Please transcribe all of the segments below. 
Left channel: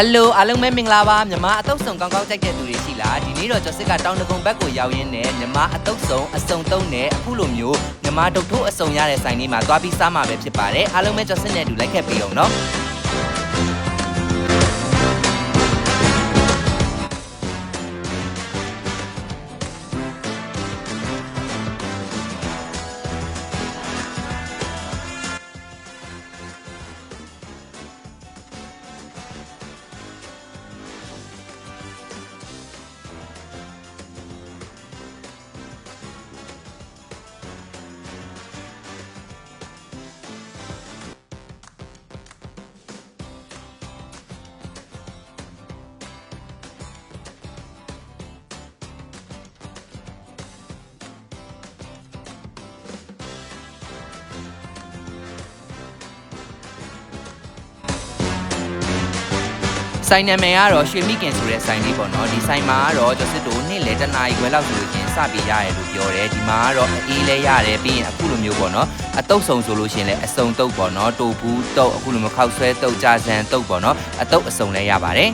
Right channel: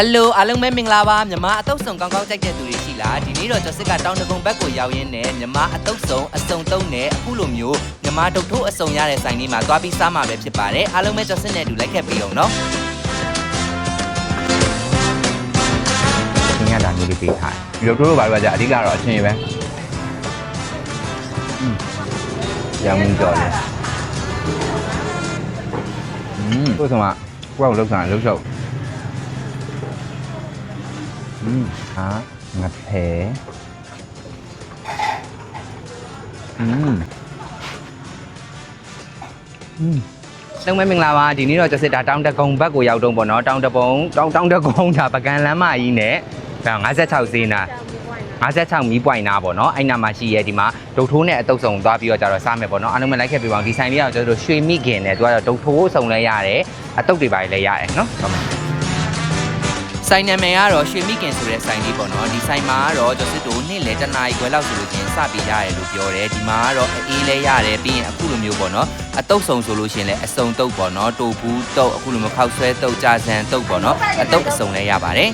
ဟယ်လိုအားလုံးပဲမင်္ဂလာပါမြန်မာအတုပ်ဆောင်ကောင်းကောင်းကြိုက်တဲ့သူတွေရှိလားဒီနေ့တော့ကျော်စစ်ကတောင်တကုံဘက်ကိုရောက်ရင်းနဲ့မြန်မာအတုပ်ဆောင်အစုံသုံးနဲ့အခုလိုမျိုးမြန်မာဒုတ်ထိုးအစုံရတဲ့ဆိုင်လေးမှာသွားပြီးစားမှာပဲဖြစ်ပါတယ်အားလုံးပဲကျော်စစ်နဲ့အတူလိုက်ခဲ့ပြီးအောင်နော်ညတာမျိုးလေးပေးထားတယ်ဒီလိုတို့တို့ဘာလို့ကကြာအဓိကတော့အချင်းပဲရောင်းကြော်တယ်อืมတို့ဆောင်ကကိုယ့်ကိုလောက်စားလှုပ် ရှုပ်อืมဟာငါဖဲอืมอืม လုံးမဲမင်္ဂလာပါဒီနေ့တော့ကျော်စစ်တာတောင်တကုံဘက်ကိုရောက်တော့ပေါ့နော်တောင်တပုံတောင်တောင်တကုံဒါပကံလမ်းမကြီးနဲ့ဒါ56ဈေးနာ56မီးပွိုင်နာပေါ့နော်အဲ့နာမှာရှိရဲဒီမှာဒုတ်ထိုးနဲ့အတုပ်ဆောင်သွားပြီးတော့ကြတော့စားမယ်ပေါ့နော်အားလုံးပဲလိုက်ခဲ့ပြပါအောင်ဒီဆိုင်လေးကတော့ကျွန်တော်တို့ရွှေမိခင်နဲ့သူကတော့ဒုတ်ထိုးအစုံလဲရတယ်အတုပ်တွေပါလည်းရတယ်နော် ဆိုင်နာမည်ကတော့ရွှေမိခင်ဆိုတဲ့ဆိုင်လေးပေါ့နော်ဒီဆိုင်မှာကတော့ကျော်စစ်တို့နေ့လေတနားရီခွဲလောက်ဆိုလို့ချင်းစပြီးရတယ်လို့ပြောတယ်ဒီမှာကတော့အေးလဲရတယ်ပြီးရင်အခုလိုမျိုးပေါ့နော်အတုပ်ဆောင်ဆိုလို့ရှိရင်လည်းအစုံတုပ်ပေါ့နော်တိုဘူးတုပ်အခုလိုမျိုးခောက်ဆွဲတုပ်ကြာစံတုပ်ပေါ့နော်အတုပ်အစုံလဲရပါတယ်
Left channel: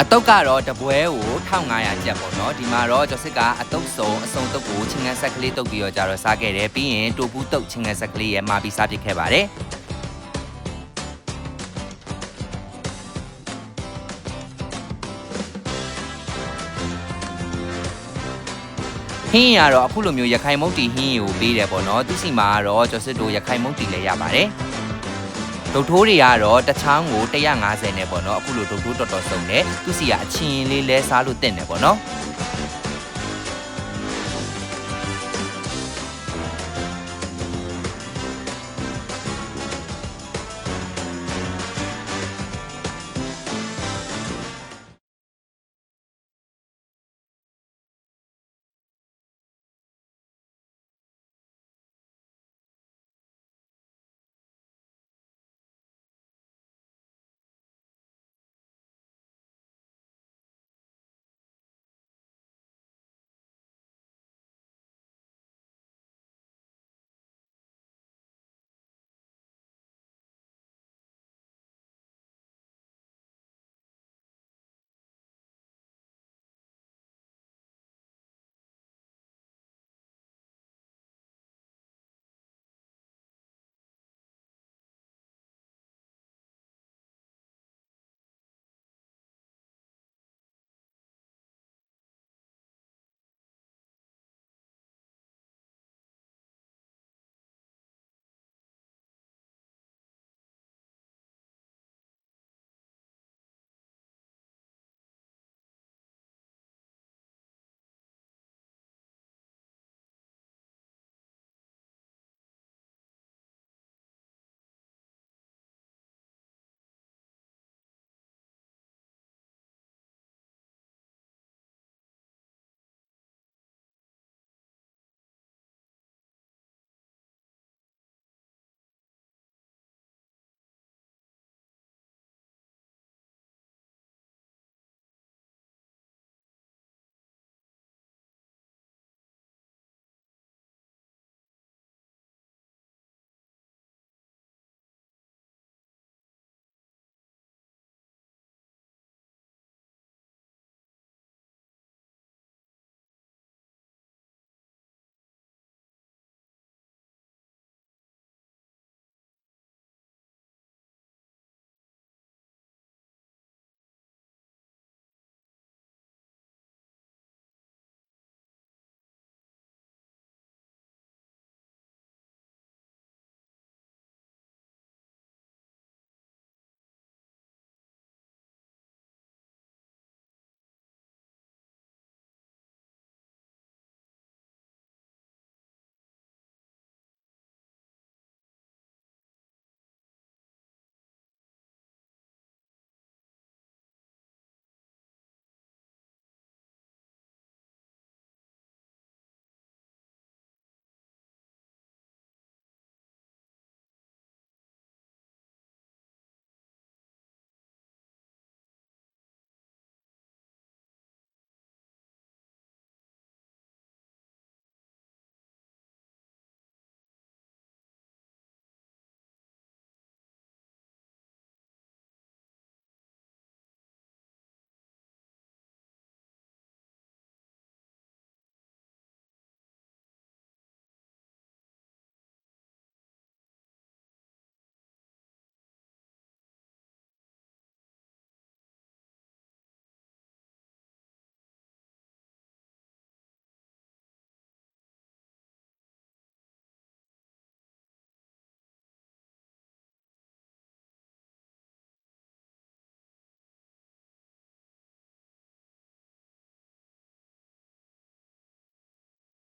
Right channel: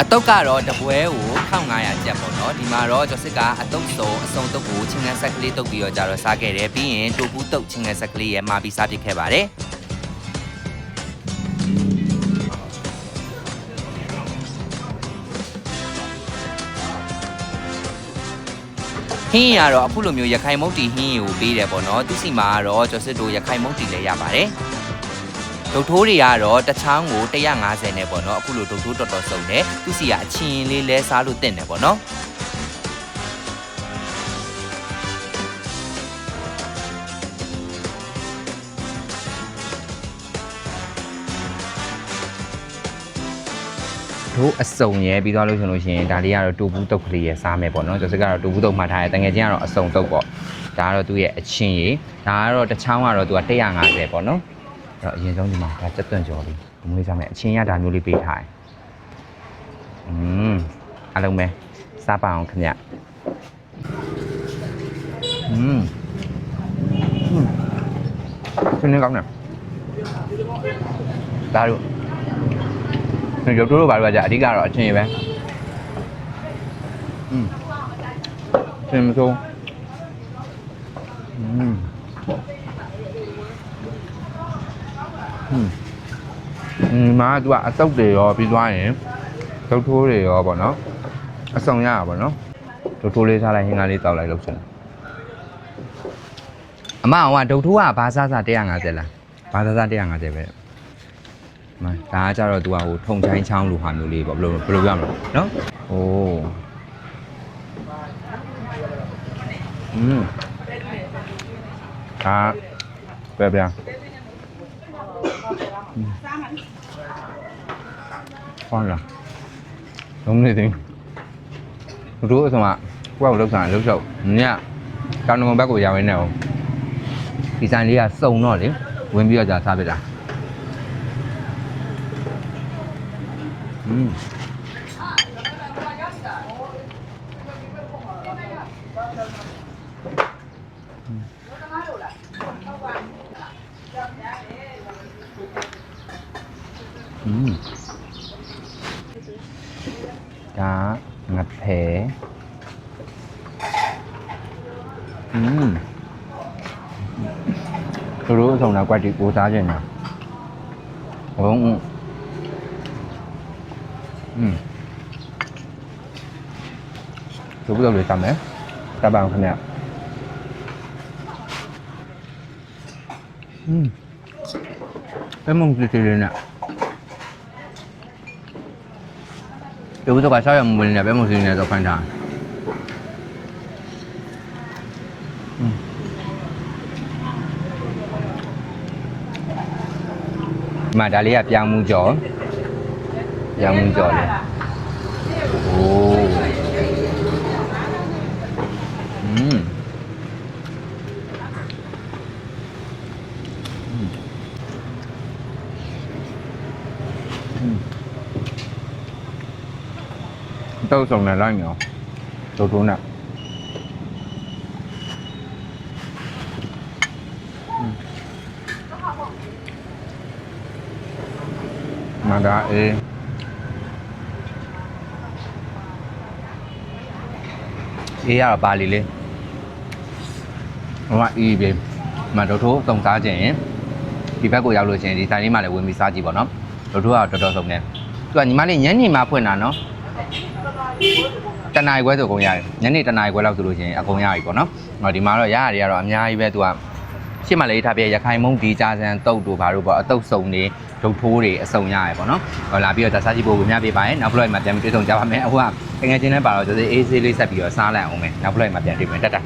အတုပ်ကတော့တပွဲကို1500ကျပ်ပေါ့နော်ဒီမှာတော့ကျော်စစ်ကအတုပ်စုံအစုံတုပ်ကိုချင်းငန်းဆက်ကလေးတုပ်ပြီးတော့ကြတော့စားခဲ့တယ်ပြီးရင်တိုဘူးတုပ်ချင်းငန်းဆက်ကလေးရဲ့မှာပြီးစားဖြစ်ခဲ့ပါတယ် ဟင်းရတော့အခုလိုမျိုးရခိုင်မုတ်တီဟင်းကိုပေးတယ်ပေါ့နော်သူစီမှာကတော့ကျော်စစ်တို့ရခိုင်မုတ်တီလည်းရပါတယ်ဒုတ်ထိုးတွေကတော့တစ်ချောင်းကို150နဲ့ပေါ့နော်အခုလိုဒုတ်ထိုးတော်တော်စုံတယ်သူစီကအချင်းလေးလဲစားလို့တင်တယ်ပေါ့နော် တို့အစုံရဲပြီးသွားလို့ဆိုလို့ရှိရင်ဒါလေးကတော့တူဘူးတုတ်ကလေးရဲစားမယ်ပေါ့နော်ကျော်စစ်ကတော့တူဘူးတုတ်မှတ်ထားတယ်တငယ်ချင်းကတော့အစုံတုတ်ပေါ့ဒါကတော့သူ့ရဲ့အချင်းကြီးဒါကတော့တစ်ချောင်းကတော့သူက150ပေါ့နော်အဲ့တော့အရင်ဆုံးဒီမှာဒါစက်သွန့်ကြော်လေးဘမွေးစားမယ်အချင်းရဒါမျိုးလေးပေးထားတယ်อืมအားလုံးပဲစားပါအောင်ခင်ဗျอืมอืมခင်းနေကောင်းတယ်ဒါတို့ ရုပ်တို့တို့ဘာလို့ကကြာအဓိကတော့အချင်းပဲอืมသင်မဆုံးอืมอืมอืมမာက तू ကအတုပ်တွေရောပြီးသွားရင်ဒုတ်ထိုးတွေရောပေါ့နော်အဆောင်ရတာပေါ့နော်ဒုတ်ထိုးလေးစားလိုက်ဟင်းကားလေးတောက်လိုက်လို့ရှင်အမအောင်ကဒုတ်ထိုးကဘာစားစား150လားဘာစားစား150ပဲ မ ဒါကကြတော့ तू ကဟိုထုံချိုင်းချောင်းလိုဟာမျိုးလေးပေါ့ဘယ်လိုဘယ်လိုပြောမလဲနော်ဟိုးอืมဒါပဲဗျာဟောလာလုံးနေတယ်တို့အစမကိုယ့်ကိုလောက်စားလှုပ်ရှုပ်ညတောင်တမဘက်ကိုရောက်ရင်းနေအောင်ဒီဆိုင်လေးကစုံတော့လေဝင်ပြီးတော့ကြာစားပြတာ อืมอืมဒါငါဖဲอืมသူတို့အဆောင်လာကွက်တီကိုစားခြင်းတာဟု 음. 여기다 왜 땄네? 따방 그냥. 음. 빼먹기 들리네. 여기도 가셔야 물냐 빼먹을 수 있냐, 저판장. 음. mà đã lấy hạt giang mua gió Dạ, 양절오 음. tao sòng này lang nhở tao đúng nè mà đã အေးအေးရတော့ပါလီလေးဟိုကအီးပြေမန်တို့ထိုးတုံစားခြင်းရင်ဒီဘက်ကိုရောက်လို့ရှိရင်ဒီဆိုင်လေးမှလည်းဝင်ပြီးစားကြည့်ပါတော့တို့ထိုးကတော်တော်ဆုံးတယ်သူကညီမလေးညနေမှဖွင့်တာနော်တနားရီခွဲဆိုအကုန်ရတယ်ညနေတနားရီခွဲလောက်ဆိုလို့ရှိရင်အကုန်ရပြီပေါ့နော်ဟောဒီမှာတော့ရရတယ်ကတော့အများကြီးပဲသူက ရှစ်မလေးထားပြရခိုင်မုံဒီကြာစံတုတ်တို့ဘာလို့ပေါ့အတုတ်စုံတွေဒုတ်ထိုးတွေအစုံရရယ်ပေါ့နော်ဟောလာပြီးတော့ဒါစားကြည့်ဖို့ဝင်မြပေးပါရင်နောက်ဖလိုက်မှာပြန်ပြီးတွေ့ဆုံကြပါမယ်အခုကငွေချင်းနဲ့ပါတော့ကျသေးအေးဆေးလေးဆက်ပြီးတော့စားလိုက်အောင်မယ်နောက်ဖလိုက်မှာပြန်တွေ့မယ်တက်တာ